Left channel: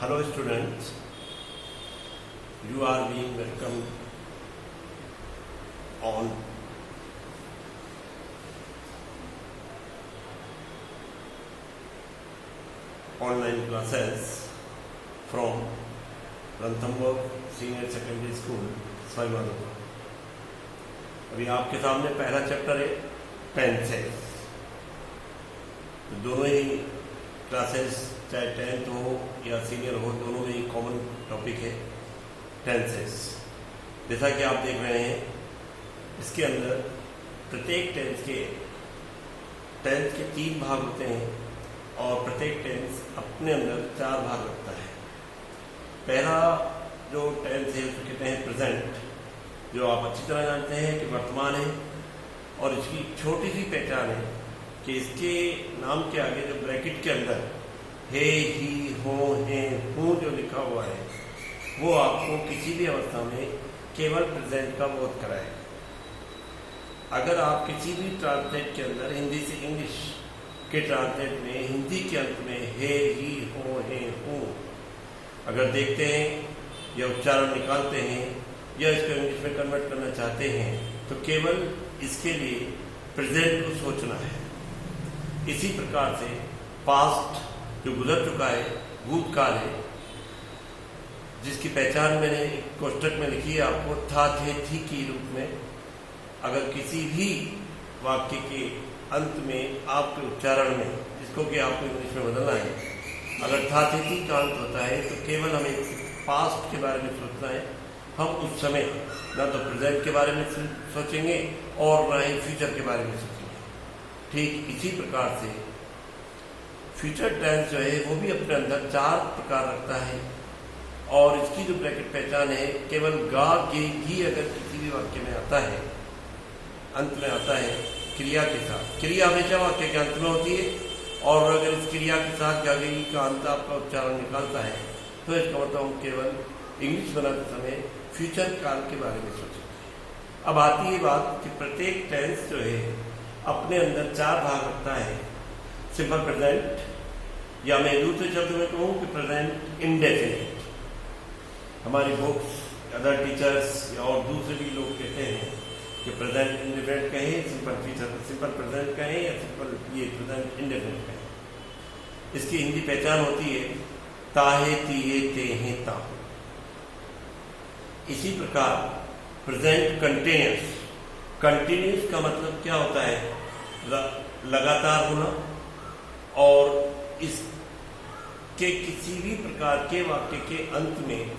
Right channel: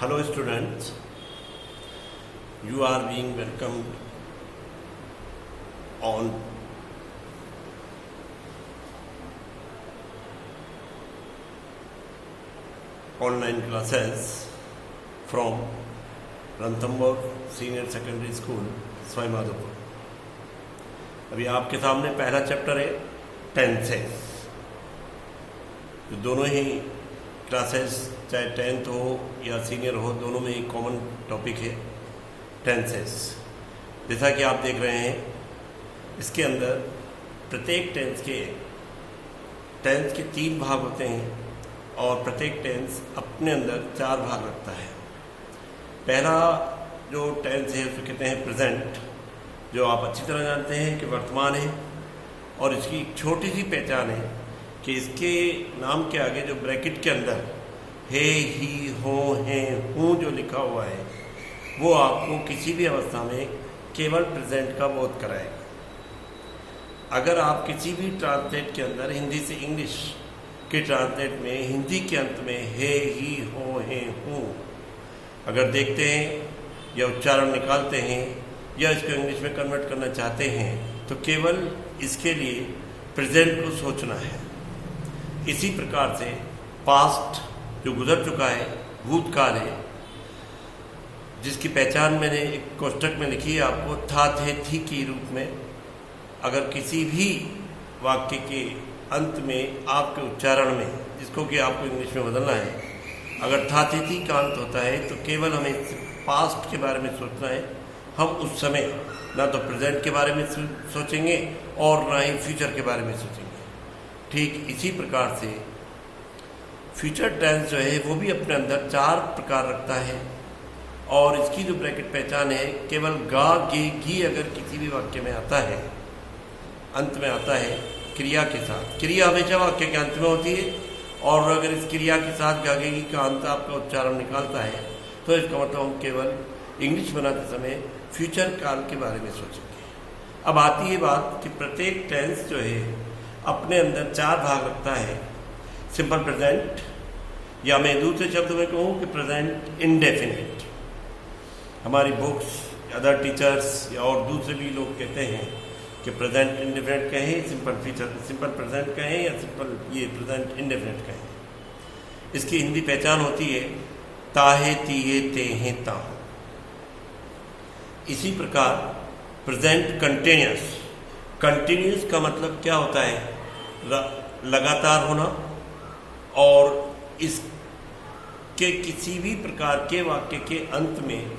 Hello students, you are being welcomed on online classes from Ranthambore Senior Secondary School, Swaimādhupur। अभी आपके सामने पहला chapter है tenses. तो दोनों ही क्लासेस चाहे 10th हो या सीनियर हो, दोनों में एक कॉमन टॉपिक है टेंसेस। जैसा कि आप देख रहे हैं, इसके अंदर प्रत्येक टेंस के 3 भाग होते हैं और प्रत्येक टेंस अपने अंदर 4 भाग रखता है। पहला जो टेंस है उसको कहते हैं प्रेजेंट, जो आप अच्छी तरह जानते हैं कि वर्तमान है, और इसकी छोटी सी पहचान है कि इसके नाम के आगे जो ब्रैकेट के अंदर हे, ही, हो, हैं, हूँ जो लिखा हुआ है वो आपको किसी भी अवस्था में केवल प्रेजेंट का बोध कराएगा। अगर आप किसी भी ट्रांसलेट के अंदर हिंदी से इंग्लिश के ट्रांसलेट में हिंदी के अंत में हे, ही, हो, हैं, हूँ अगर देखते हैं या उच्चारण निकालते हैं या इसको इंग्लिश में कन्वर्ट करना चाहते हैं तो केवल इसके लिए प्रेजेंट को सोचना है। इसी प्रकार से पास्ट जो गुजर चुका है, भूतकाल है, जिसकी पहचान मैंने एक कोष्टक में लिखी है आपको, था, थे, थी के रूप में। अगर किसी भी वाक्य के अंत में आपके उच्चारण में, जिसको कि आपको इंग्लिश में बदलना है, अगर था, थे, थी का अंत होता है तो केवल हमें पास्ट के बारे में सोचना है। हम उस समय ना तो प्रेजेंट के बारे में सोचेंगे और ना ही फ्यूचर के बारे में सोचेंगे। ठीक इसी प्रकार से फ्यूचर टेंस जो है वो भी अपने अंदर 4 प्रकार रखता है, और इसकी जो ब्रैकेट पहचान है, केवल गा, गे, घी अगर किसी भी वाक्य में आता है, अंत में आता है क्रिया के साथ। क्रिया हमेशा वाक्य के अंत में होती है, और अगर इस क्रिया के साथ गा, गे, घी का अंत आपका उच्चारण निकालता है तो इसका मतलब हम केवल इंग्लिश बनाते समय फ्यूचर काल के बारे में सोचेंगे। अब आती है बात कि प्रत्येक टेंस जो है अपने अंदर 4 भाग रखता है। सिंपल प्रेजेंट, या मैं दूसरे शब्द में कहूँ कि प्रेजेंट इंडेफिनिट। हमारी बुक्स, अदर टीचर्स या और दूसरे भी लोग कहते हैं कि प्रेजेंट इंडेफिनिट कहें, सिंपल प्रेजेंट कहें या सिंपल ये प्रेजेंट इंडेफिनिट कहें। इसकी हिंदी पहचान होती है ताहे, तिये, तेहे, ताहू। इसी प्रकार प्रेजेंट कंटिन्यूस। कंटिन्यूस का मतलब क्या होता है? लगातार होना, और इसके किसी भी प्रकार के वाक्य के अंत में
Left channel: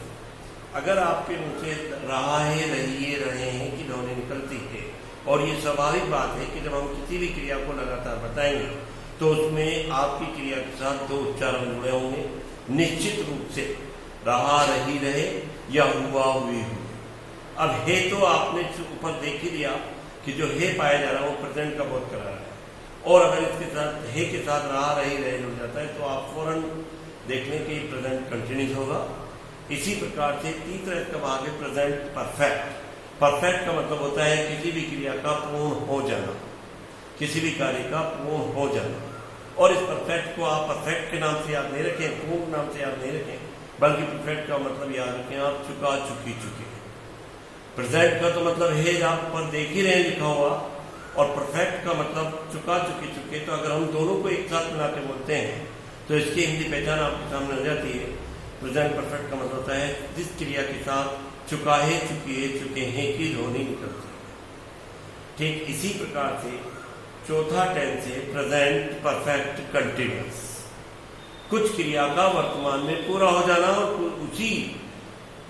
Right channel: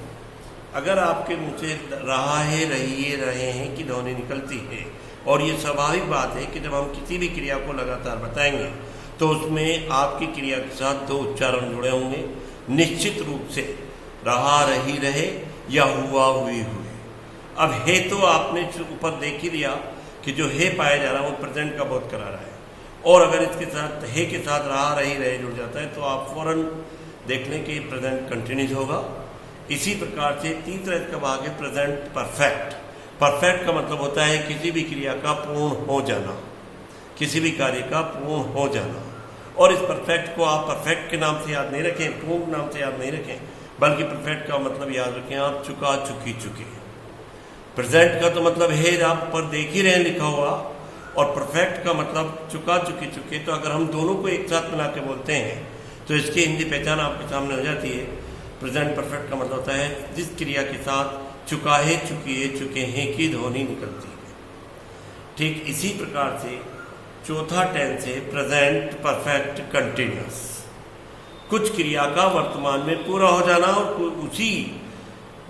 अगर आपके मुंह से रहा है, रहिए, रहे हैं की ध्वनि निकलती है, और ये स्वाभाविक बात है कि जब हम किसी भी क्रिया को लगातार बताएंगे तो उसमें आपकी क्रिया के साथ 2 उच्चारण जुड़े होंगे निश्चित रूप से, रहा, रही, रहे या हुआ, हुई, हुई। अब हे तो आपने ऊपर देख ही लिया कि जो हे पाया जा रहा है वो प्रेजेंट का बोध करा रहा है, और अगर इसके साथ हे के साथ रहा, रही, रहे जुड़ जाता है तो आप फौरन देख लें कि प्रेजेंट कंटिन्यूस होगा। इसी प्रकार से तीसरा इसका भाग है प्रेजेंट परफेक्ट। परफेक्ट का मतलब होता है किसी भी क्रिया का पूर्ण हो जाना, किसी भी कार्य का पूर्ण हो जाना। और इस परफेक्ट को आप परफेक्ट के नाम से याद नहीं रखें, पूर्ण नाम से याद नहीं रखें, बल्कि परफेक्ट का मतलब याद रखें आप चुका, चुकी, चुके। प्रेजेंट का तो मतलब है आप पर देख ही रहे लिखा हुआ, और परफेक्ट का मतलब चुका, चुके, चुके। तो अगर हम दोनों को एक साथ मिला के बोलते हैं तो इसकी हिंदी पहचान आपके सामने हो जाती है। प्रेजेंट परफेक्ट का मतलब होता है जिस क्रिया के साथ चुका है, चुकी है, चुके हैं की ध्वनि निकलती है। ठीक इसी प्रकार से चौथा टेंस है प्रेजेंट परफेक्ट कंटिन्यूअस। कुछ क्रिया का वर्तमान में पूरा हो जाना और उसी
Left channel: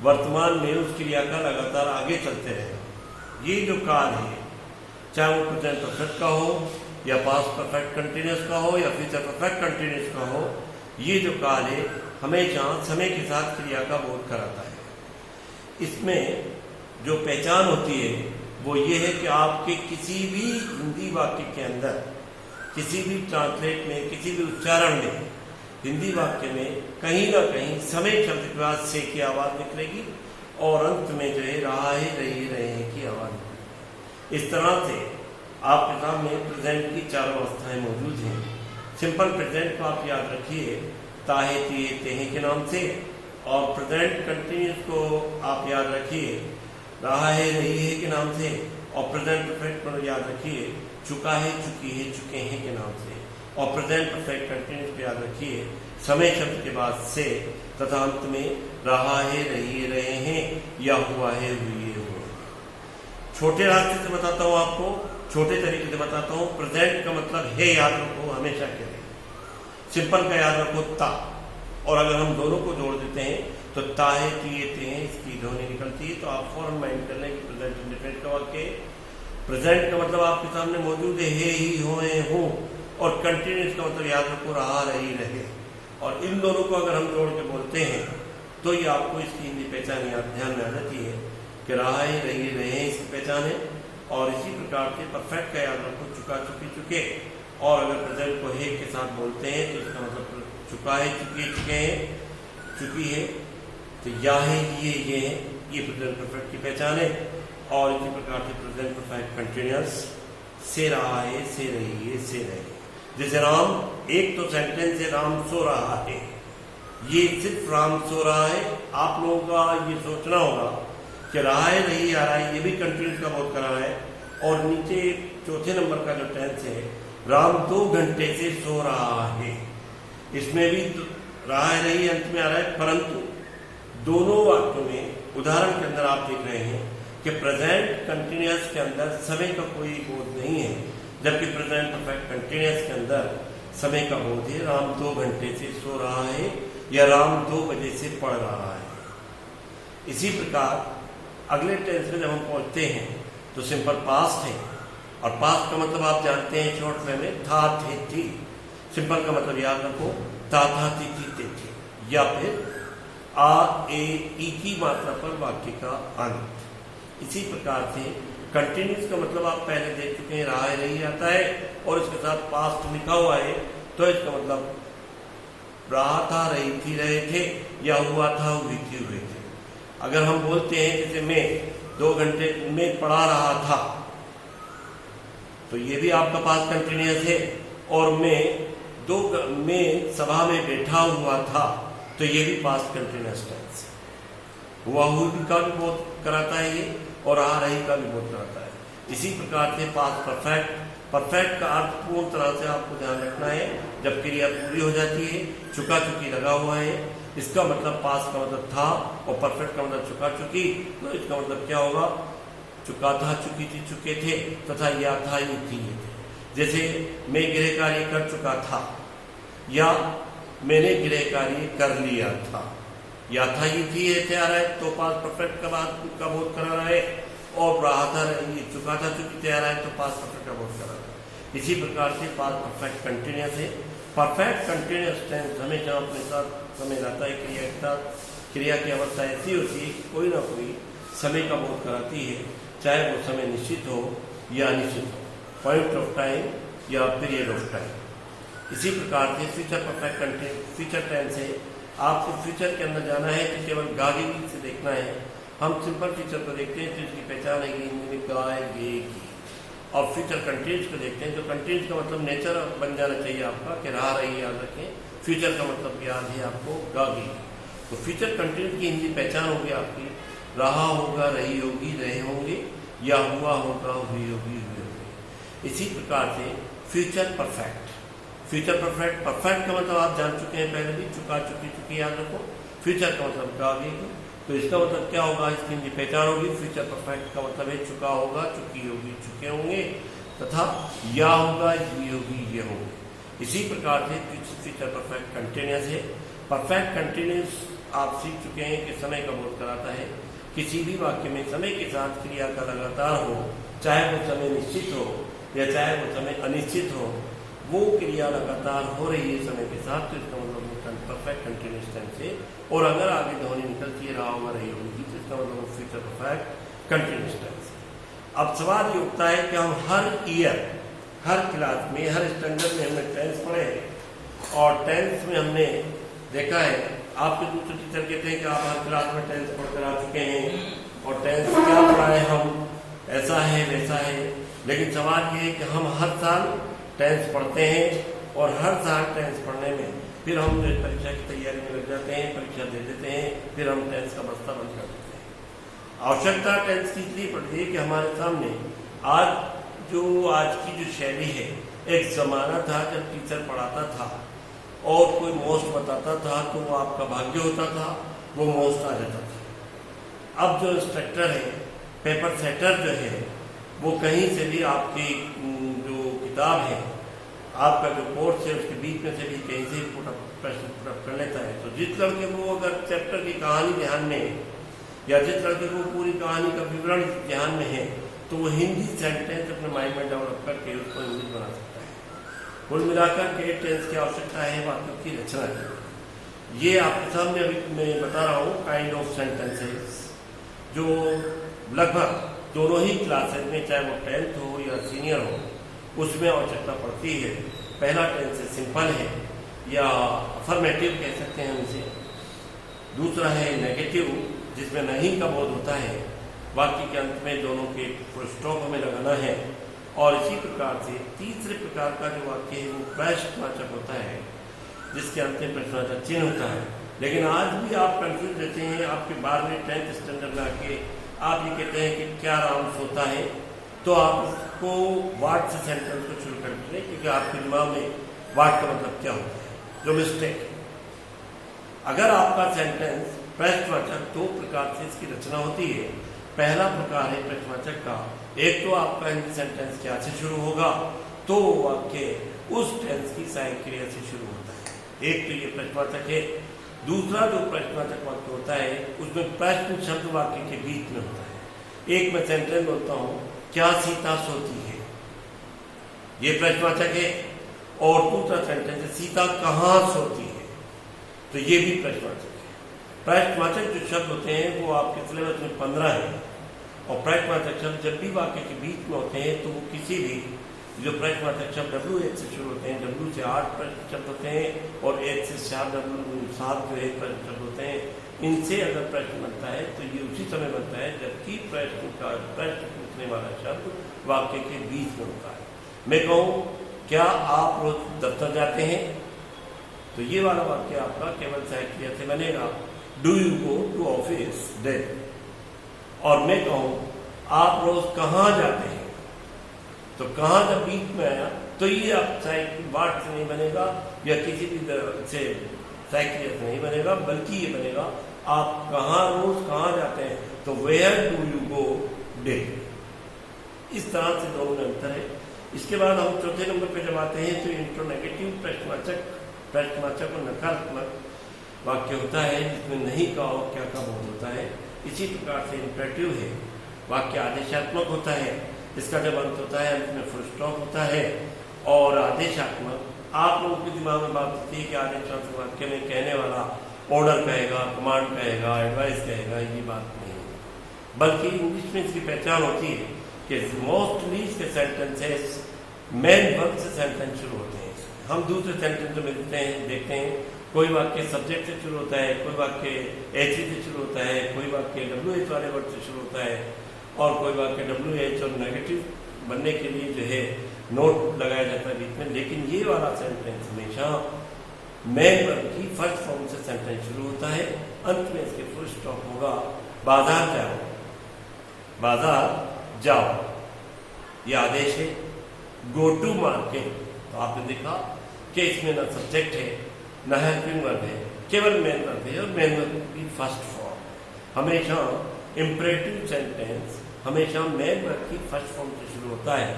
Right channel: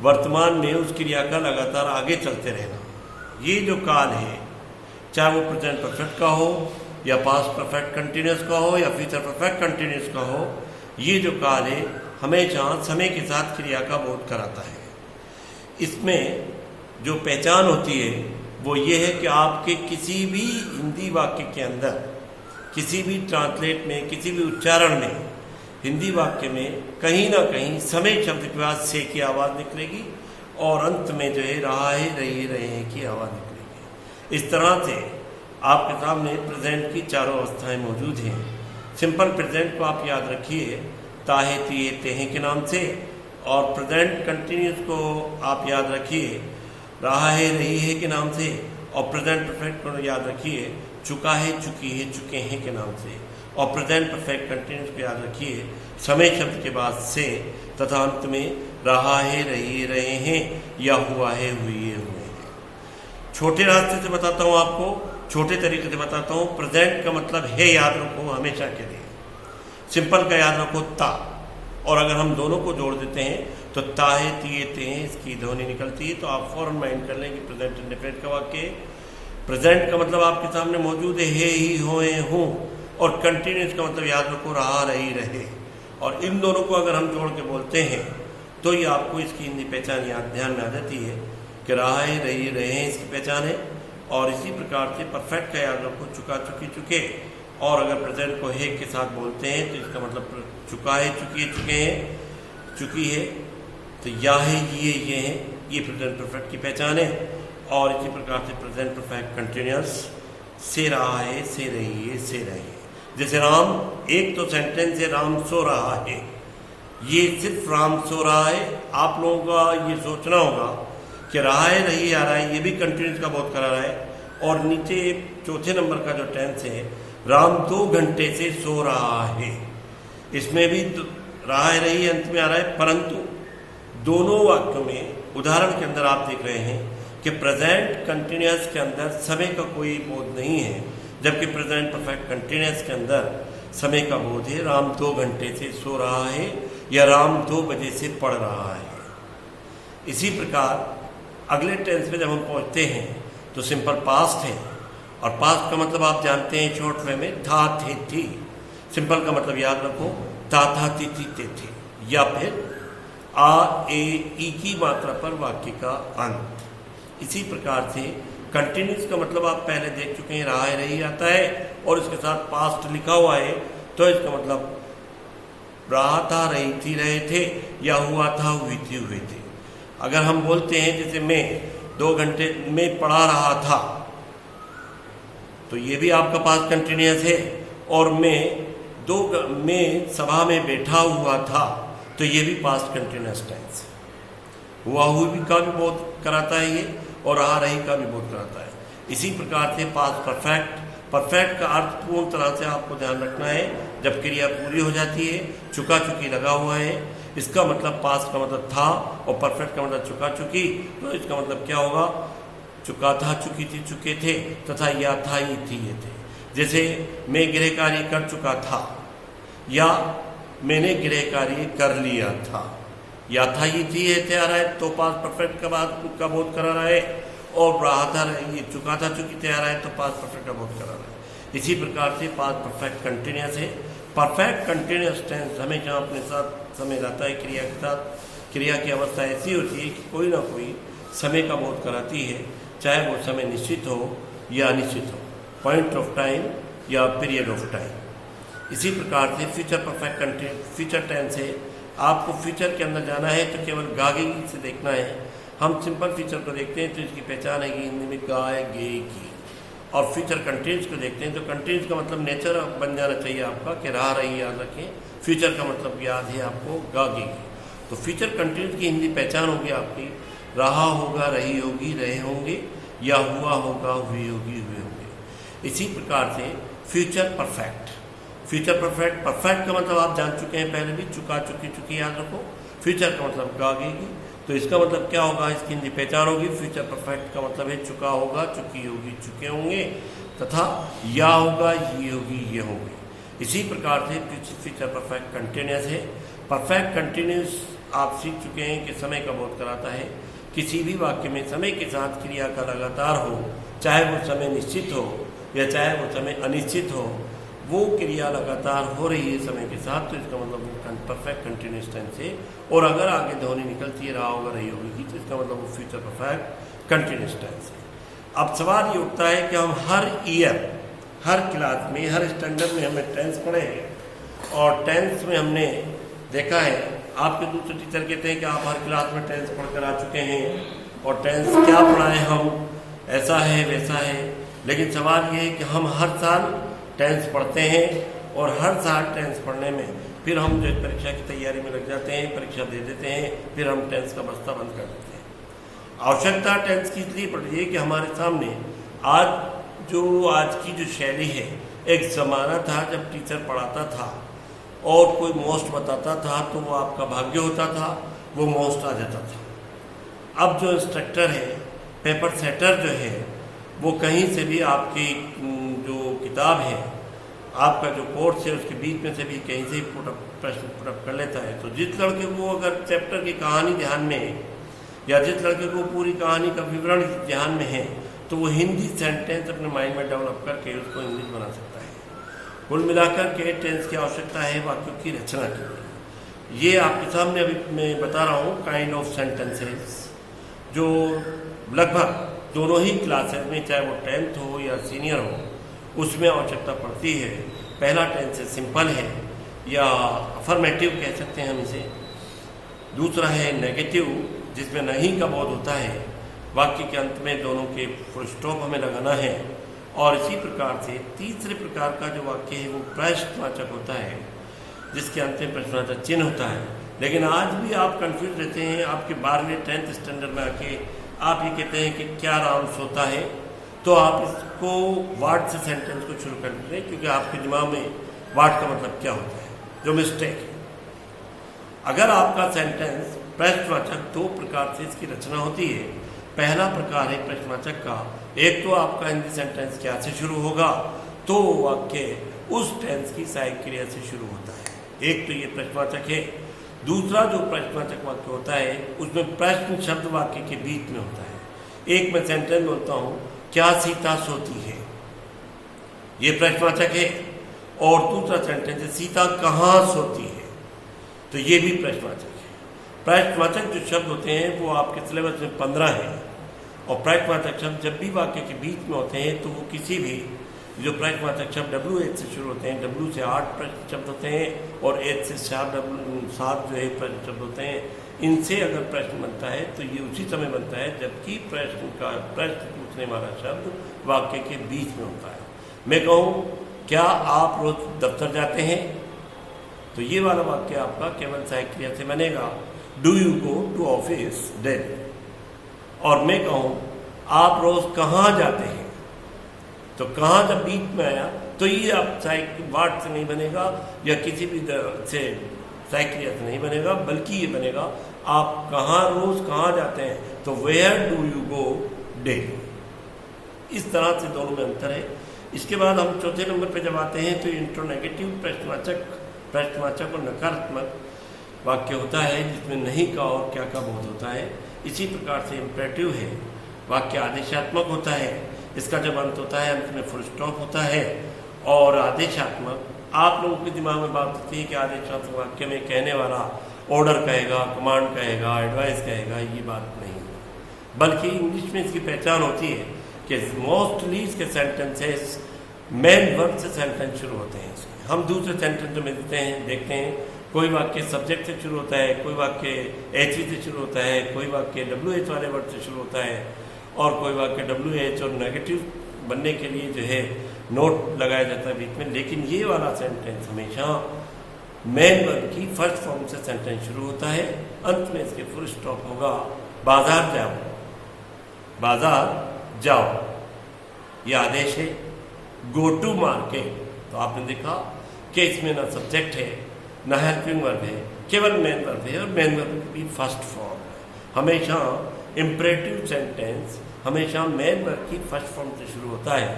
वर्तमान में उस क्रिया का लगातार आगे चलते रहना। ये जो काल है, चाहे वो प्रेजेंट परफेक्ट का हो या पास्ट परफेक्ट कंटिन्यूअस का हो या फ्यूचर परफेक्ट कंटिन्यूअस का हो, ये जो काल है हमेशा समय के साथ क्रिया का बोध कराता है। इसमें जो पहचान होती है वो ये है कि आपके किसी भी हिंदी वाक्य के अंदर, किसी भी ट्रांसलेट में, किसी भी उच्चारण में, हिंदी वाक्य में कहीं ना कहीं समय शब्द के बाद से की आवाज़ निकलेगी, और अंत में जो है रहा है, रही, रहे हैं की आवाज़ निकलेगी। इस तरह से आपके सामने प्रेजेंट की 4 अवस्थाएं मौजूद हैं। सिंपल प्रेजेंट को आप याद रखिए ताहे तिए तेहे के नाम से। और प्रेजेंट कंटिन्यूस को आप याद रखिए रहा है रही है के नाम से। और प्रेजेंट परफेक्ट को याद रखिए चुका है चुकी है चुके हैं के नाम से। और प्रेजेंट परफेक्ट कंटिन्यूस को याद रखिए समय शब्द के बाद से तथा अंत में रहा है रही रहे हैं या हुआ है हुई है हुए हैं। छोटे रास्ते से बताता हूँ आपको, छोटे तरीके से बताता हूँ। प्रेजेंट का मतलब है याद रखो हमेशा के लिए। सिंपल का याद रखो ता, और अगर हम दोनों को जोड़ देते हैं तो ताहे तिए ते हैं इसकी ध्वनि निकलती है। तो आप फौरन माइंड कर लें कि प्रेजेंट इंडिफिनिट का वाक्य। प्रेजेंट का मतलब आपके सामने मौजूद है ही होए हों। और कंटिन्यूस का मतलब याद रखो रहा रही रहे। और इन दोनों को अगर हम जोड़ के बोलते हैं तो ये आपको इसकी हिंदी पहचान याद ध्यान में आ जाती है कि रहा है रही रहे हैं इसकी पहचान है। और इसी प्रकार से परफेक्ट का याद रखो चुका चुकी चुके। और अगर प्रेजेंट को है के साथ बोलते हैं तो इसका मतलब चुका है चुकी है चुके हैं चुकी है। तो या है ये हैं, ये प्रेजेंट परफेक्ट की पहचान है। और इसी प्रकार से प्रेजेंट परफेक्ट कंटिन्यूअस से रहा है से रही है से रहे। जैसे राम, एक तो सेंटेंस है राम सो रहा है, ये सिर्फ राम सो रहा है। आप लोगों का ये सोचना होगा कि रहा है रही आ रहा है, ये भी कंटिन्यूस का बहुत करा रहा है। और नीचे चौथे नंबर का जो टेंस है राम 2 घंटे से सो रहा है, इसमें भी रहा है रही अंत में आ रहा है। परंतु दोनों वाक्यों में उदाहरण के अंदर आप देख रहे हैं कि प्रेजेंट कंटिन्यूअस के अंदर समय का कोई बोध नहीं है, जबकि प्रेजेंट परफेक्ट कंटिन्यूअस के अंदर समय का बोध है। राम 2 घंटे से सो रहा है या राम 2 बजे से पढ़ रहा है। इसी प्रकार अगले टेंस में जब हम पहुंचते हैं तो सिंपल पास्ट है। और पास्ट का मतलब आप जानते हैं शॉर्ट फॉर्म में था थे थी। सिंपल का मतलब याद रखो था ती थे थे। या फिर आ ए ई की मात्रा पर वाक्य का अंत। इसी प्रकार से कंटिन्यूस का मतलब आप पहले देख चुके हैं रहा है रही आता है और इसके साथ पास्ट लिखा हुआ है तो इसका मतलब रहा था रही थी रहे थे या हुआ था हुई थी हुए थे। अगर हम बोलते हैं जैसे मैं 2 घंटे में पढ़ा रहा था तो ये भी आपका पास्ट कंटिन्यूअस है। और मैं सभा में बैठा हुआ था तो ये भी पास्ट कंटिन्यूअस टेंस। हुआ हुई का भी बहुत कराता है ये और रहा रही का भी बहुत कराता है। इसी प्रकार से पास्ट परफेक्ट का अर्थ पूर्ण तरह से आपको ध्यान रखना है। जब क्रिया पूरी हो जाती है चुका चुकी लगा हुआ है, इसका मतलब पास्ट का मतलब था और परफेक्ट का मतलब चुका चुकी। तो इसका मतलब क्या होगा चुका था चुकी थी चुके थे तथा या था ये थी ये थे। जैसे मैं गृह कार्य कर चुका था या मैंने गृह कार्य कर लिया था। या था ये थी ये थे आ रहा है तो पास्ट परफेक्ट का बाद का बोध करा रहा है। और रहा था ये चुका था चुकी थे आ रहा है तो पास्ट परफेक्ट का बोध करा रहा है। इसी प्रकार से पास्ट परफेक्ट कंटिन्यूअस है। परफेक्ट कंटिन्यूअस टेंस हमेशा अपने साथ समय लाता है क्रिया के साथ। क्रिया की अवस्था ऐसी होती है कि कोई ना कोई समय का बोध कराती है, चाहे वो समय निश्चित हो या अनिश्चित हो, पॉइंट ऑफ टाइम या पीरियड ऑफ टाइम। इसी प्रकार से फ्यूचर टेंस है। आपको फ्यूचर के अंदर जाना है तो केवल गागी से देखना है। हम सिंपल फ्यूचर को देखते हैं तो इसकी पहचान है कि हिंदी में गाय गेगी। और फ्यूचर कंटिन्यूस को देखते हैं तो कंटिन्यूस का मतलब नेचर बन जाना चाहिए आपका कि रहा रही याद रखें। फ्यूचर का मतलब याद है आपको गागी। तो फ्यूचर कंटिन्यूस की हिंदी पहचान होगी आपकी रहा होगा रही होगी रहे होंगे या हुआ होगा हुई होगी हुए होंगे। इसी प्रकार से फ्यूचर परफेक्ट का मतलब आप जान चुके हैं पहले भी चुका चुकी चुकी याद रखो। फ्यूचर का मतलब गागेगी तो इसका मतलब क्या होगा इसकी हिंदी पहचान होगी। फ्यूचर परफेक्ट का मतलब है चुका होगा चुकी होगी चुके होंगे तथा या होगा ये होगी ये होंगे। इसी प्रकार से फ्यूचर परफेक्ट कंटिन्यूअस है। परफेक्ट कंटिन्यूअस आप सीख चुके हैं कि समय का बोध कराता है। किसी भी वाक्य में समय के साथ क्रिया का लगातार हो, चाहे वो समय निश्चित हो या चाहे वो समय अनिश्चित हो, वो क्रिया लगातार हो रही है समय के साथ तो इसका मतलब परफेक्ट कंटिन्यूअस टेंस है। और अगर आगे ध्वनि निकलती है रहा होगा रही होगी तो इसका मतलब वो फ्यूचर परफेक्ट कंटिन्यूअस टेंस है। अब सवाल ये उठता है कि हम हर ईयर हर क्लास में हर स्टैंडर्ड में हमने टेंस पढ़े हैं और टेंस में हमने देखा है आपके दूसरे टीचर कहते हैं कि आप हर क्लास में टेंस पढ़कर आ चुके हैं और टेंस क्या पढ़ाए हम ऐसा है वैसा है। लेकिन सवाल ये है कि हम हर साल टेंस पढ़ते हैं और हर साल टेंस पढ़ने में फिर हम जो परीक्षा की तैयारी में लग जाते हैं, परीक्षा दे देते हैं, फिर हम टेंस का बस्ता बंद कर देते हैं। आवश्यकता टेंस की इसलिए पड़ रही है कि हमारे सामने आज की जो शैली है, एक ज़माना था जब टीचर पढ़ाता था और कोई मोस्ट बताता था तो वो आपका भाग्य होता था, वो मोस्ट आ जाता था। अब जो इंस्ट्रक्टर है, पेपर सेटर जो है, वो कहीं से भी आपकी जो किताब है, आपका जो कोर्स है, उसके बीच में से भी कहीं से प्रश्न पुटअप कर लेता है। तो जिस लड़के को अगर चैप्टर की कहानी ध्यान में है या जिस लड़के को पूरी कहानी का विवरण ध्यान में है, तो वो हिंदी सेंटेंस अपने माइंड में डेवलप करके उसको इंग्लिश बना सकता है। कुल मिलाकर के टेंस की आवश्यकता है वाक्यों की रचना की। ये आपके सामने अभी मैं बता रहा हूँ काइंड ऑफ सेंटेंसेस जो लगभग दोनों ही क्लासेस में, चाहे वो 10th हो या सीनियर हो, उसमें आवश्यकता पड़ती है। पहला टेंस सिंपल है या अफर्मेटिव कह सकते हैं इसे। दूसरा है नेगेटिव, जिसमें नहीं का बोध होता है। वाक्य के अंत में दोनों के फुल स्टॉप हमें लगाना है। और इसी प्रकार से तीसरे प्रकार का जो वाक्य है वो प्रश्नवाचक होता है, जिसके अंत में प्रश्नवाचक चिन्ह होता है। लेकिन आज भी आप कंफ्यूज रहते हैं। आपके 12वीं 10th स्टैंडर्ड में आके आप ये कहते हैं कि क्या राउंड्स होता है, तो आप इसको वाट से सेंटेंस को शुरू कर दें, क्योंकि आपके दिमाग में वाट का मतलब क्या होता है, जो मिस्टेक। अगर आपका सेंटेंस प्रश्नवाचक, दो प्रकार से इसकी रचना होती है। पहला प्रकार है प्रश्नवाचक का। एक तो आपका हिंदी सेंटेंस क्या से शुरू होगा, तो वाक्य उस टेंस की सहायक क्रिया से शुरू होता है। एक तो ये प्रश्नवाचक है। दूसरा जो प्रश्नवाचक वाक्य होता है, उसमें प्रश्न शब्द वाक्य के बीच में होता है। एक मैं सेंटेंस बोलता हूँ, क्या सीता सोती है, ये प्रश्नवाचक है। और दूसरा सेंटेंस है, सीता कहाँ सोती है, तो ये भी प्रश्नवाचक है। प्रश्नवाचक जो शब्द होते हैं वो आपके सिलेबस में 15 है। और प्रश्नवाचक शब्द जब भी वाक्य के बीच में होते हैं तो वो किसी भी जो प्रश्नवाचक शब्द WH से शुरू होते हैं, W से 8 प्रश्न शब्द होते हैं और H से 7 जो है प्रश्न शब्द होते हैं। इनसे अगर प्रश्न बनता है तो ये उसी समय बनता है जबकि प्रश्न पूछने वाला शब्द वाक्य के बीच में होता है। मैं कहूँ, क्या आप रोज दफ्तर जाते हैं, तो ये वाला वाक्य आपका केवल सहायक क्रिया से बनेगा, do you go to office daily. और मैं कहूँ, आप रोज कहाँ जाते हैं, तो कहाँ जब बीच में आया तो ये आप सहायक वाट से नहीं बनेगा या किसी भी से सहायक क्रिया से नहीं बनेगा, बल्कि ये बनेगा आप कहाँ रोज कहाँ जाते हैं, तो where do you go daily. इस तरह से दोनों में अंतर है। इसके बाद हम चौथे नंबर पे जब आते हैं तो इंट्रोनेगेटिव प्रश्नवाचक और नकारात्मक वाक्य होता है, जिसमें नहीं का और क्या का बोध होता है। इसी प्रकार से इम्परेटिव है, वाक्य आदेशात्मक होता है। इसका जब अंत होता है, अंत में फुल स्टॉप होता है। और आदेशात्मक, आप लोगों के दिमाग में बात होती है कि आदेशात्मक वाक्य में कहने वाला ऑर्डर कहेगा, कमांड कहेगा, एडवाइस कहेगा, ये बात नहीं है। बल्कि इंग्लिश में इसकी पहचान होती है कि मोस्टली इसके सेंटेंसेस मेन वर्ब से सेंटेंस शुरू होते हैं। हम दूसरे सेंटेंस जो देखते हैं, कोई वाक्य सब्जेक्ट से शुरू होता है, कोई वाक्य HE से शुरू होता है, कोई वाक्य WH वाले वर्ड से शुरू होता है, और कोई वाक्य WH और नेगेटिव बनने के लिए जो है नोट लगाया जाता है बीच में। लेकिन ये वाला सेंटेंस हमेशा मेन वर्ब की फर्स्ट फॉर्म से सेंटेंस शुरू होता है, अंत में इसके फुल स्टॉप होगा, बाजार जाओ, बाजार जाओ, ये आदेश है। गो टू मार्केट, तो आपने देखा कि इसमें ना सब्जेक्ट है ना हेल्पिंग वर्ब है, केवल मेन वर्ब है और मेन वर्ब की फर्स्ट फॉर्म। हमेशा इम्परेटिव सेंटेंस हमेशा मेन वर्ब की फर्स्ट फॉर्म से शुरू होता है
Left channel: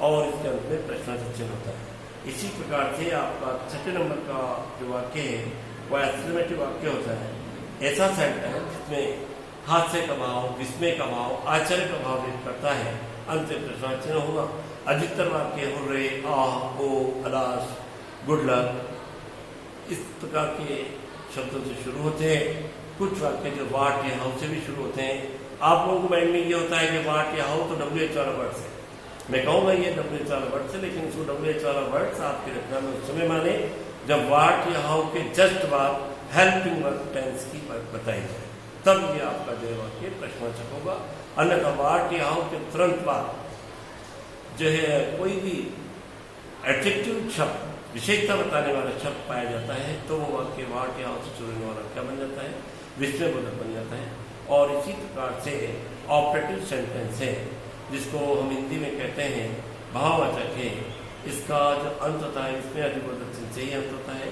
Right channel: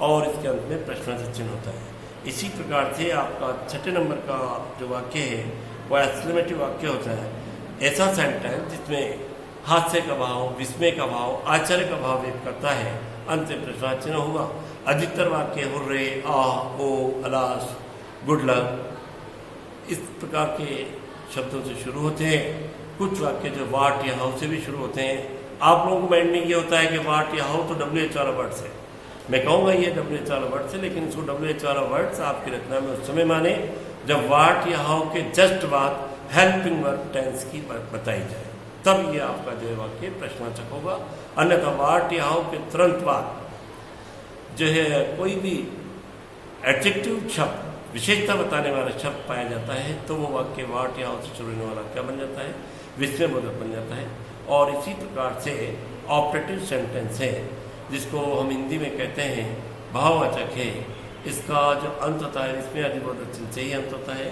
और इसके अंत में प्रश्नवाचक चिन्ह होता है। इसी प्रकार से आपका छठे नंबर का जो वाक्य है वह एक्सक्लेमेटिव वाक्य होता है। ऐसा सेंटेंस जिसमें हास्य का भाव, विस्मय का भाव, आश्चर्य का भाव व्यक्त करता है, अंत में प्रश्नवाचक चिन्ह होगा। अधिकतर वाक्य हुर्रे, आह, ओ, अलास, गुड लक, इस प्रकार के शब्दों से शुरू होते हैं। कुछ वाक्य जो वाट या हाउ से भी शुरू होते हैं। आप लोगों को माइंड में ये होता है कि वाट या हाउ तो WH वाला वर्ड से, मैं कहूँगा ये WH वाला वर्ड से, लेकिन इसको WH वाला वर्ड आपकी रचना में उस समय माने जब वाट या हाउ के जस्ट बाद हेल्पिंग वर्ब टेंस की बताई जाए, तब ये आपका जो वाक्य प्रश्नवाचक होगा। अन्यथा वाट या हाउ के तुरंत बाद जो है कोई भी एडजेक्टिव शब्द विशेषता बताने वाला शब्द पाया जाता है तो वो वाक्य वाट या से शुरू होने वाला क्या बन जाता है, विस्मयबोधक बन जाता है। और इसी प्रकार से ऑपरेटिव सेंटेंस है जिसको हम हिंदी में कहते हैं भाववाचक है, इसका जो अंत होता है विस्मयादिबोधक चिन्ह से ही अंत होता है।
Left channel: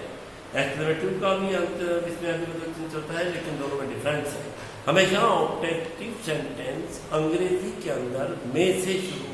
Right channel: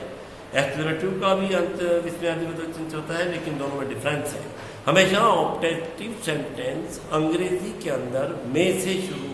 एक्सक्लेमेटिव का भी अंत विस्मयादिबोधक चिन्ह से होता है, लेकिन दोनों में डिफरेंस है। हमेशा ऑपरेटिव सेंटेंस अंग्रेजी के अंदर में से शुरू